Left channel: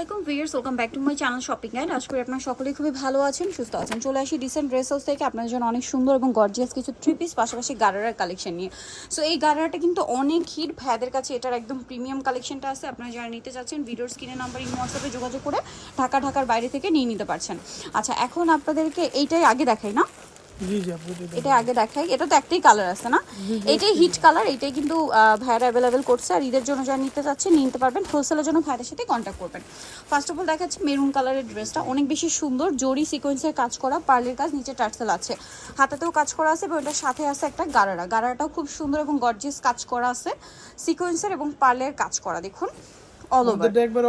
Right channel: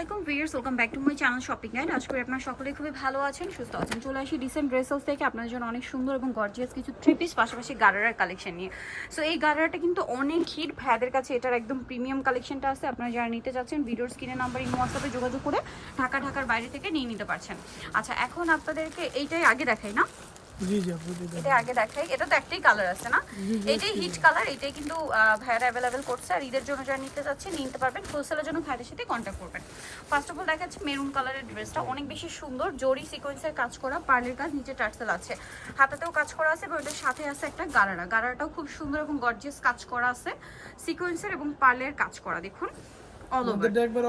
Welcome back to my channel shopping guide. আজ করে আপনারা সকলেই খুবই ভালো আছেন, সুস্থ আছেন। চলে আসি ডিসেন্ট ড্রেস হাউস থেকে আপনাদের জন্য অনেক সুন্দর এবং গর্জিয়াস কিছু থ্রি পিস পাশাপাশি গারারার কালেকশন নিয়ে। সো এই গারারাটা কিন্তু অনেক হিট, ভাইয়াদের কাছে এটার একদম প্রিমিয়াম কালেকশনটা আছে। আপনারা যারা নিতে চাচ্ছেন ভিডিওর স্ক্রিনে নাম্বার ইন হোয়াটসঅ্যাপে যোগাযোগ করে ঢাকার বাইরে থেকে নিয়ে নিতে পারছেন। আচ্ছা, এখন আপনাদেরকে এইটাই আগে দেখাই না? জি জি আপু, এটা আগে দেখাই। এটা তো একটাই কালার আছে না? এটাই হিট কালার, এটাই কিন্তু ভাইয়ার অ্যাভেলেবেল করছে। আর ঈদের জন্য যারা নিতে চাচ্ছে নিতে পারবেন, হোলসেলের জন্য ভাইয়াদের সাথে কন্ট্যাক্ট করবেন। ফার্স্ট অফ অল দেখাচ্ছি মেরুন কালারের ড্রেসটা, অনেক বেশি সুন্দর। জরি সিকোয়েন্সের কাজ করা, পার্লের কাজ, নিচে টার্সেল আছে, হাতাতেও কাজ করা আছে এবং এটার সাথে আছে একটা গারারাটাও খুব সুন্দর এবং গর্জিয়াস কাজ করা আছে, সিকোয়েন্সের এবং পার্লের কাজ করা। দেখুন অল ওভার এটা একবার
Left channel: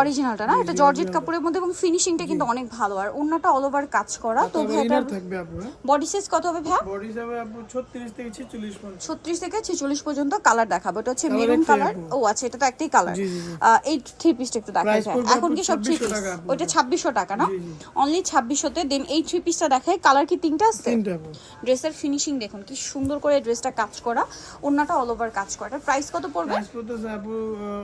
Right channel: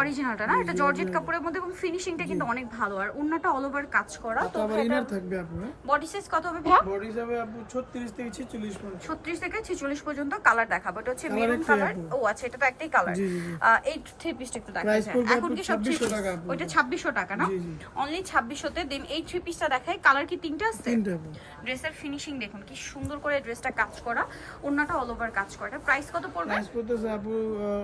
অরিজিনালটা না, এটা জর্জেট কাপড়ের মধ্যে এবং ফিনিশিংটা কিন্তু অনেক ভালো। আর ওন্নাটা অল ওভার কাজ করা। তো ইনার থাকবে আপু। বডি সাইজ কত হবে ভাই? বডি হবে আপু 36 থেকে 46 পর্যন্ত। 36 থেকে 46 পর্যন্ত কালার দেখাবো। এটা হচ্ছে মেরুন কালার। ও আচ্ছা, এটা তো একটাই কালার। এই থ্রি পিসটা একটু দেখাই যায়। এখন কি সব থ্রি পিস? ওটা 2600 টাকা না? অনলি 2600 তে। দেন এই থ্রি পিসটা দেখাই। কালার কি তিনটা আছে? তিনটা আপু। ড্রেসের ফিনিশিং দেখুন কি সুন্দর করে ড্রেসটা কাজ করা, ওন্নাটা অল ওভার কাজ করা। এটা প্রাইস কত পড়বে? প্রাইস পড়তেছে আপু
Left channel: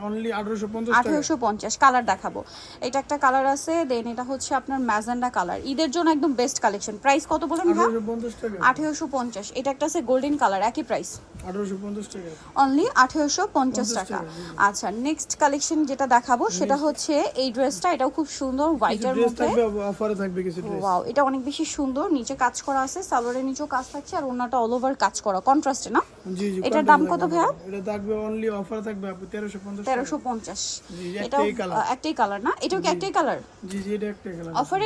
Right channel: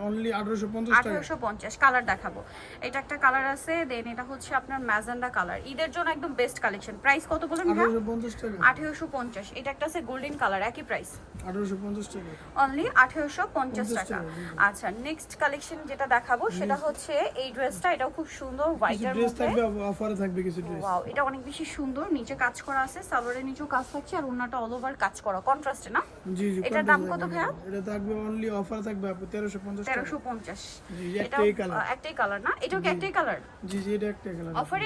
অনলি 1850 টাকা। 1850। কালার দেখাবো। এটা একটা কালার আছে, দেন এটা হচ্ছে আপনার ম্যাজেন্ডা কালার। ঈদের জন্য একদম বেস্ট কালেকশন। প্রাইস কত বলেন? 1850 টাকা। 1850। এটা একটা আছে গোল্ডেন কালার, একই প্রাইস 1850 টাকা। অনলি 1850 টাকা। আচ্ছা, নেক্সট কালেকশন যেটা দেখাবো সেটা হচ্ছে এই ড্রেসটা। এটাও খুব সুন্দর, হোয়াইটের ড্রেস মধ্যে থাকবে, অফারে থাকবে কিছু ড্রেস। ওয়াও, এটা অনেক বেশি সুন্দর। নিচে কাজ করা আছে, সালোয়ারের নিচেও কাজ থাকছে আর ওন্নাটা অল ওভার কাজ করা, কন্ট্রাস্টে না? জি জি। এটার দাম কত ভাইয়া? এটা থাকবে অনলি অফার থাকবে আপু 1350 টাকা। 1350। জি, এটা একটাই কালার না? এটাও কি একটাই কালার? জি জি, এটা একটাই কালার। অফার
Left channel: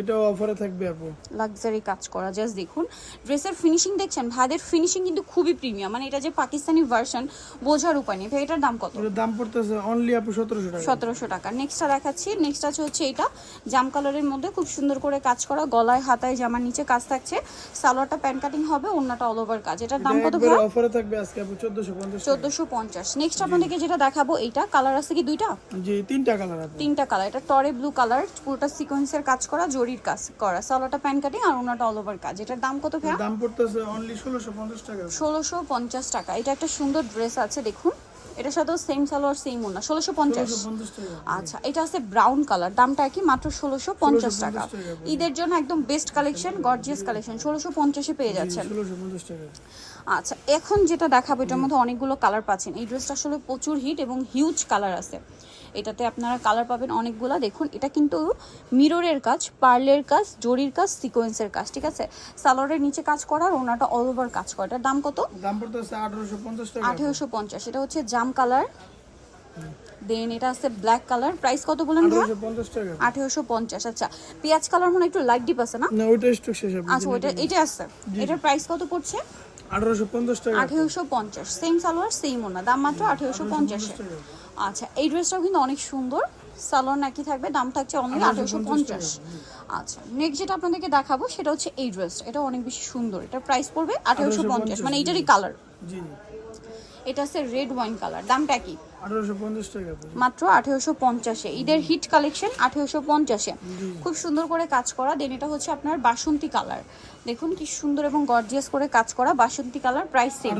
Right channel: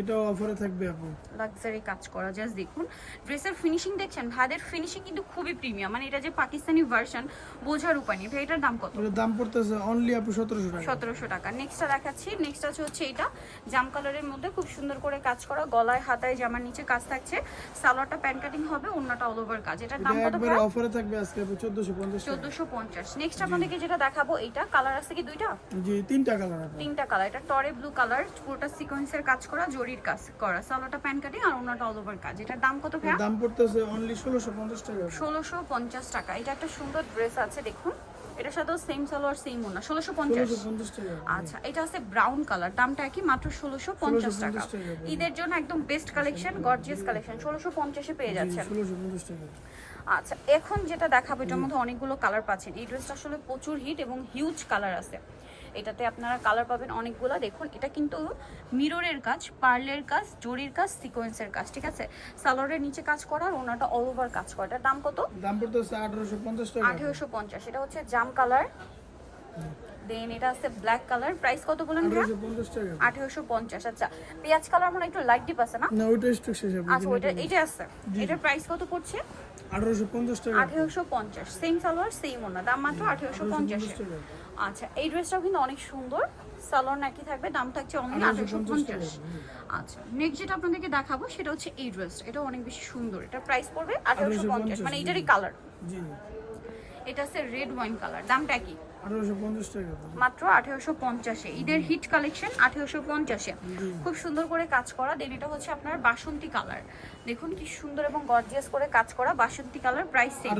এটা অফারে থাকবে আপু। লাক্সারি কাজ করা, জাস্ট দেখুন ড্রেসের ফিনিশিং দেখছেন। ভাইদের ফিনিশিং কিন্তু খুবই প্রিমিয়াম, মানে এটা যে পাকিস্তানি ভার্সন বোঝার উপায় নেই। ভাই এটার দাম কত? এটার দাম পড়তেছে অনলি আপু 1700 টাকা। 1700 টাকা। নেক্সটটা দেখাচ্ছি। নেক্সট আছে হচ্ছে এটা জাম কালারের মধ্যে খুব সুন্দর করে কাজ করা, গলায় হাতায় জামার নিচে কাজ থাকছে, সালোয়ারটা প্যান্ট কাটিং হবে, ওন্নাটা অল ওভার কাজ। এটার দাম কত? একবারে অফারে থাকবে আজকে আপু 1450 টাকা। 1450। নেক্সট আপনাদেরকে যেটা দেখাবো, এইটা কালার আছে কি দুইটা? জি, তিনটা কালার আপু। তিনটা কালার। এটা টরে ব্লু কালার, পুরোটা সিকোয়েন্সের কাজ করা, জরির কাজ করা, সালোয়ারটা প্যান্ট কাটিং আর ওন্নাটা অল ওভার কাজ। এটার দাম কত ভাই? দাম পড়তেছে অনলি 1650 টাকা। 1650 টাকা। এটা একটা সুন্দর ড্রেস আছে, দেখুন এটার সাথেও সেম সালোয়ার সেম ওন্না, 1650 টাকা। আচ্ছা, এটা আছে ব্রাউন কালার, দামটা কি? মাত্র 1650 টাকা। ঈদের জন্য একদম বেস্ট কালেকশন, গর্জিয়াস কালেকশন, 1650 এ পেয়ে যাচ্ছেন। 1650 টাকা। আচ্ছা, এখন যেটা দেখাবো এটার মধ্যে অনেকগুলো কালার পাচ্ছেন। এই ড্রেসটা আসলে প্রচুর হিট এবং হিউজ কালার আছে। এটাতে আপনারা কালার পাবেন অনেকগুলো। দেখুন এটা কিন্তু মিররের কাজ, পার্লের কাজ, জরির কাজ, সিকোয়েন্সের কাজ, ঠিক আছে? সালোয়ারের নিচে কাজ করা আর ওনাটা অল ওভার কাজ করা। এটার দাম কত? দাম পড়তেছে 1850 টাকা। 1850। এটা হচ্ছে জাম কালার। দেন এটা আছে ব্ল্যাক কালার। প্রাইস কত বলেন? 1850 টাকা। 1850। আচ্ছা, পেঁয়াজ কালার মনে একটু লাইট ডিপ আছে না? না, ওইটা স্টক শেষ আপনি। আচ্ছা, এটা আছে। এটার প্রাইস কত পড়ছে? 1850 টাকা। 1850। সেম সালোয়ার সেম ওনা, দাম মাত্র 1850 টাকা। আচ্ছা, এই ড্রেসটাও কিন্তু অনেক সুন্দর, সালোয়ার নাকি থাকবে, দাম থাকছে অনলি 1850। আচ্ছা, নেক্সট যেটা আপনাদেরকে দেখাবো সেটা হচ্ছে এই ড্রেস। এটা অনেক বেশি সুন্দর। এটার প্রাইস পড়বে 1850, মানে এটারই কালার। জি, এটা আছে রেড ওয়াইন কালার। দামটা কি? 1850 টাকা। মাত্র 1850 এ। ঈদের হিট কালেকশন 1850 এ। খুব সুন্দর করে কাজ করা। দেন এটা হচ্ছে আপনার বাসন্তী কালার। দেখুন কি সুন্দর এবং গর্জিয়াস করে কাজ করা বাসন্তী কালার। প্রাইস সেম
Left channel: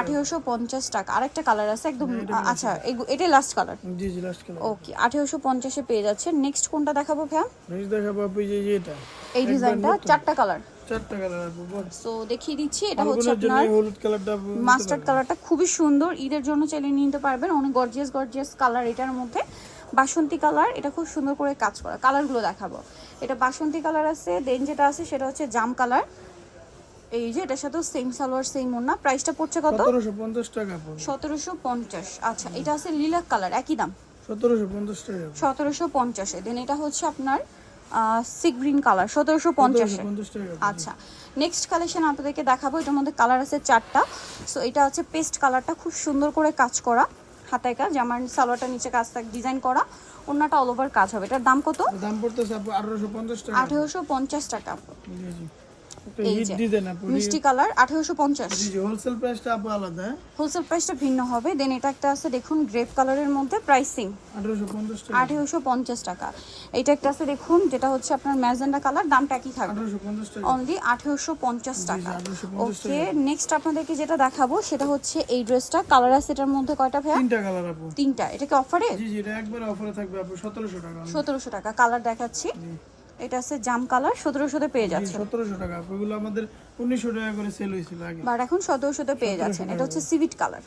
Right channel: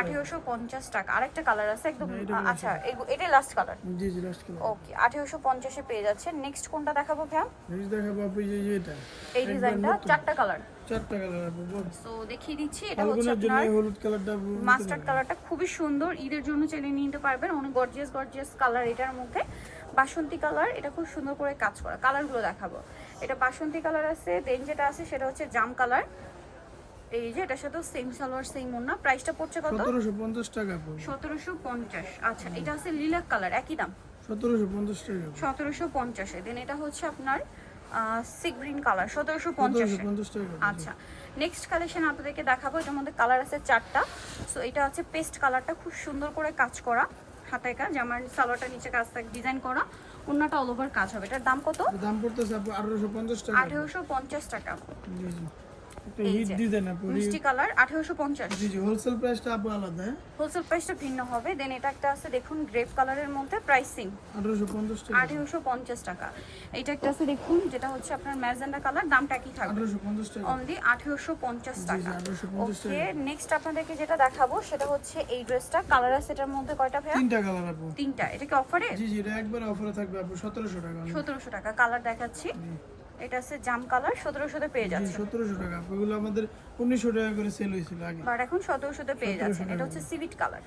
1850 টাকা। আরেকটা কালার আছে একদম, আচ্ছা এটাই লাস্ট কালার। জি জি, লাস্ট কালার। ওকে, 1850 এ পেয়ে যাচ্ছে। নেক্সট কোনটা দেখাবো ভাইয়া? নেক্সট দেখাবো আপু এটা। এই ডিজাইনটা চারটা কালার। চারটা কালার আপু। সো দেখিয়ে দিচ্ছি। এটা হচ্ছে জন্য আপনার হলুদ কালারটা, মাস্টার্ড কালারটা খুবই সুন্দর। ঈদের জন্য চাইলে নিতে পারবেন, অনেক গর্জিয়াস কালার এটার মধ্যে। বাসন্তী কালার, এটা খুব সুন্দর করে কাজ করা। কালারগুলো দেখাবো। এটা বাসন্তী কালার আছে। দেন যেটা আছে সেটা হচ্ছে জাম কালার। এই যে এটার সাথে সেম সালোয়ার সেম ওন্না। প্রাইসটা পড়ছে কত? 1750 টাকা। 1750। আচ্ছা, এটা আছে লিলাক কালার, একই দাম 1750 টাকা। 1750 এ। দেন এটা হচ্ছে আপনার সি গ্রিন কালার, 1750 টাকা। আচ্ছা, নেক্সট কালেকশন আপনাদেরকে দেখাবো। এটার মধ্যে কালার আছে চারটা। সো এটা হচ্ছে পেস্ট কালারটা, খুব সুন্দর করে কাজ করা, হাতায় কাজ, আমার সালোয়ারটা নিচে কাজ থাকে ডিজাইন করা, ওন্নাটা অল ওভার কাজ হবে। এটার দাম কত? দাম পড়তেছে আপু 1850 টাকা। 1850 টাকা। জি জি। একটা এই হিট যে, ডিজাইন আপু মিষ্টি কালার 1850। জি জি হোলসেল প্রাইসটা আপু আলাদা হ্যাঁ? হোলসেল প্রাইসটা ভিন্ন হবে। দেন এটা একটা আছে দেখুন গ্রেপ কালারের মধ্যে, প্রাইসিং 1850 টাকা 1850 টাকা। এটা একটা আছে দেখুন যেটা হচ্ছে আপনার ম্যাজেন্ডা কালার, দামটা কি থাকবে? 1850 টাকা অনলি 1850 জি টাকা। 1850 ওকে, টাকা নেক্সট আপনাদেরকে যেটা দেখাবো সেটা হচ্ছে এই ড্রেসটা। কালার আছে এটার মধ্যে কয়টা ভাইয়া? তিনটা কালার আপু তিনটা। এটা কি অফারে? জি জি এটা একবার অফারে থাকবে আপু 1700 টাকা 1700 টাকা। কালার দেখাচ্ছি, জি এটা আছে জাম কালার, 1700 পেয়ে জি যাচ্ছে। 1700 টাকা আপু এগুলো আমাদের 1900 টাকা করে সেল হয়েছিল আগে বাট এখন 1700 পেয়ে যাচ্ছে। 1700 এটা হচ্ছে সিভিট কালার,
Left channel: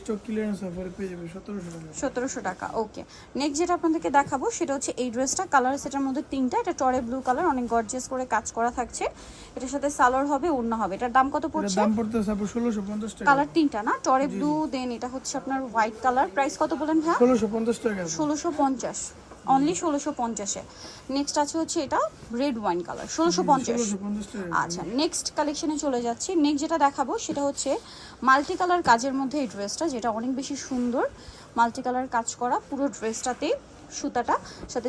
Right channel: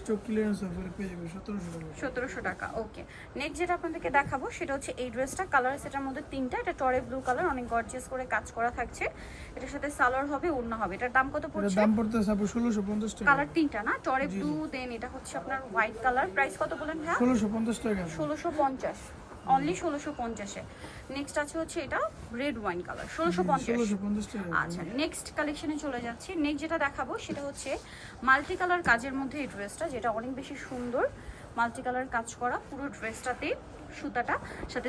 স্টক ক্লিয়ারেন্স অফারে পেয়ে যাবে 1700 টাকা 1700 টাকা। ওকে, নেক্সট যেটা আপনাদেরকে দেখাবো সেটা হচ্ছে এই ড্রেসটা। কালার সেটার মধ্যে তিনটা। এটা টরে ব্লু কালার, অনেক গর্জিয়াস করে কাজ করা থাকছে। এটার সাথে সালোয়ার হবে, ওড়না হবে। এটার দাম কত এটার পড়ছে? দাম পড়তেছে আপু 1650 টাকা কালার তিনটা না, টরে ব্লু, দেন এটা হচ্ছে আপনার হোয়াইট কালার। প্রাইস কত বলেন ভাইয়া? 1650 টাকা আপু 1650, অনলি 1650-এ। নেক্সট আছে হচ্ছে এটা রেড ওয়াইন কালার, 1650। 1650 টাকা আচ্ছা, নেক্সট কালেকশনে চলে যাচ্ছি। নেক্সট যেটা দেখাবো সেটা হচ্ছে মাল্টি কালার কাজের মধ্যে এই ড্রেসটা, যেটা অনেক বেশি সুন্দর। মাল্টি কালার কাজ করা পুরো ড্রেসটাতে, সুতাটা সাথে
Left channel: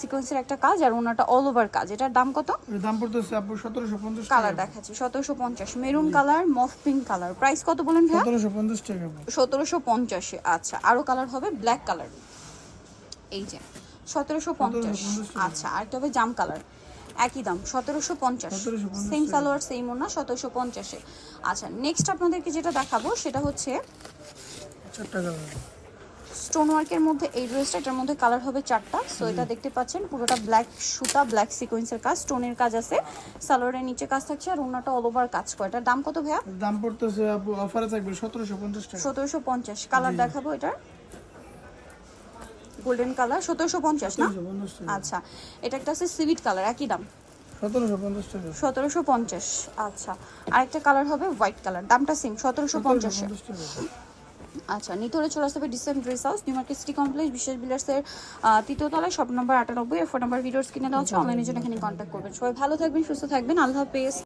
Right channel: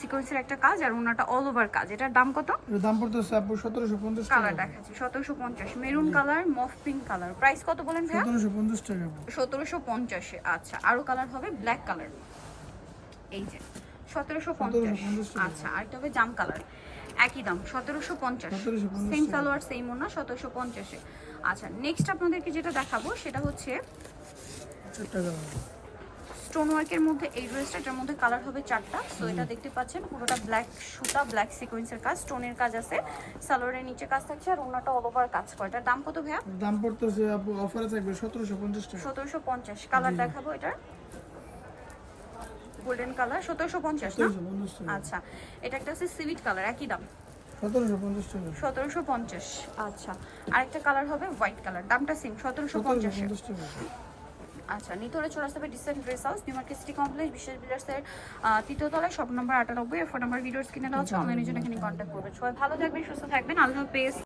সিকোয়েন্সের একটা কাজ, আর ওনাটা অল ওভার কাজ। এটার দাম কত? এর দাম পড়তেছে আপু 1750 টাকা কালার দেখাচ্ছি 1750, মেরুন কালার, মফ পিঙ্ক কালার। প্রাইস কত বলেন ভাইয়া? 1750 টাকা আপু 1750-এ। আচ্ছা, আরো কালার হবে ব্ল্যাক কালার, এই যে 1750। 1750 আচ্ছা, আরেকটা হবে জাম কালার, একই দাম 1750। 1750 সেম সালোয়ার সেম ওনা, 1750-এ। আচ্ছা, নেক্সট আপনাদেরকে যেটা দেখাবো সেটা হচ্ছে চারটা কালার স্টোন ওয়ার্কের মধ্যে এই ড্রেসটা। এটার মধ্যে কালার হবে চারটা। সো এটা দেখতে পাচ্ছেন পুরোটা ব্ল্যাক সুতা, ব্ল্যাক সিকোয়েন্সের কাজ, স্টোনের কাজ আছে, সালোয়ারের নিচে কাজ থাকছে, আর ওনাটা অল ওভার কাজ করে। এটার দাম কত ভাইয়া? এর দাম পড়তেছে আপু অফারে থাকবে 1750 টাকা 1750। কালার দেখাবো, এটা গোল্ডেন কালার, 1750 না? 1750 টাকা আচ্ছা, এটা একটা আছে সিভিট কালার, একই দাম 1750 টাকা 1750। আচ্ছা, আরেকটা কালার হবে হোয়াইট কালার, দামটা সেম 1750। 1750 টাকা আচ্ছা, নিতে হলে চলে আসতে হবে dissent dress house, new market city complex, বিশেষ বিলার্সের তৃতীয় তলায়, shop number 98। Phone number videos কিনে দেওয়া হচ্ছে, অনলাইনের জন্য এখানে কন্ট্যাক্ট করবেন। সবাই ভালো থাকবেন, সুস্থ থাকবেন, আল্লাহ হাফেজ।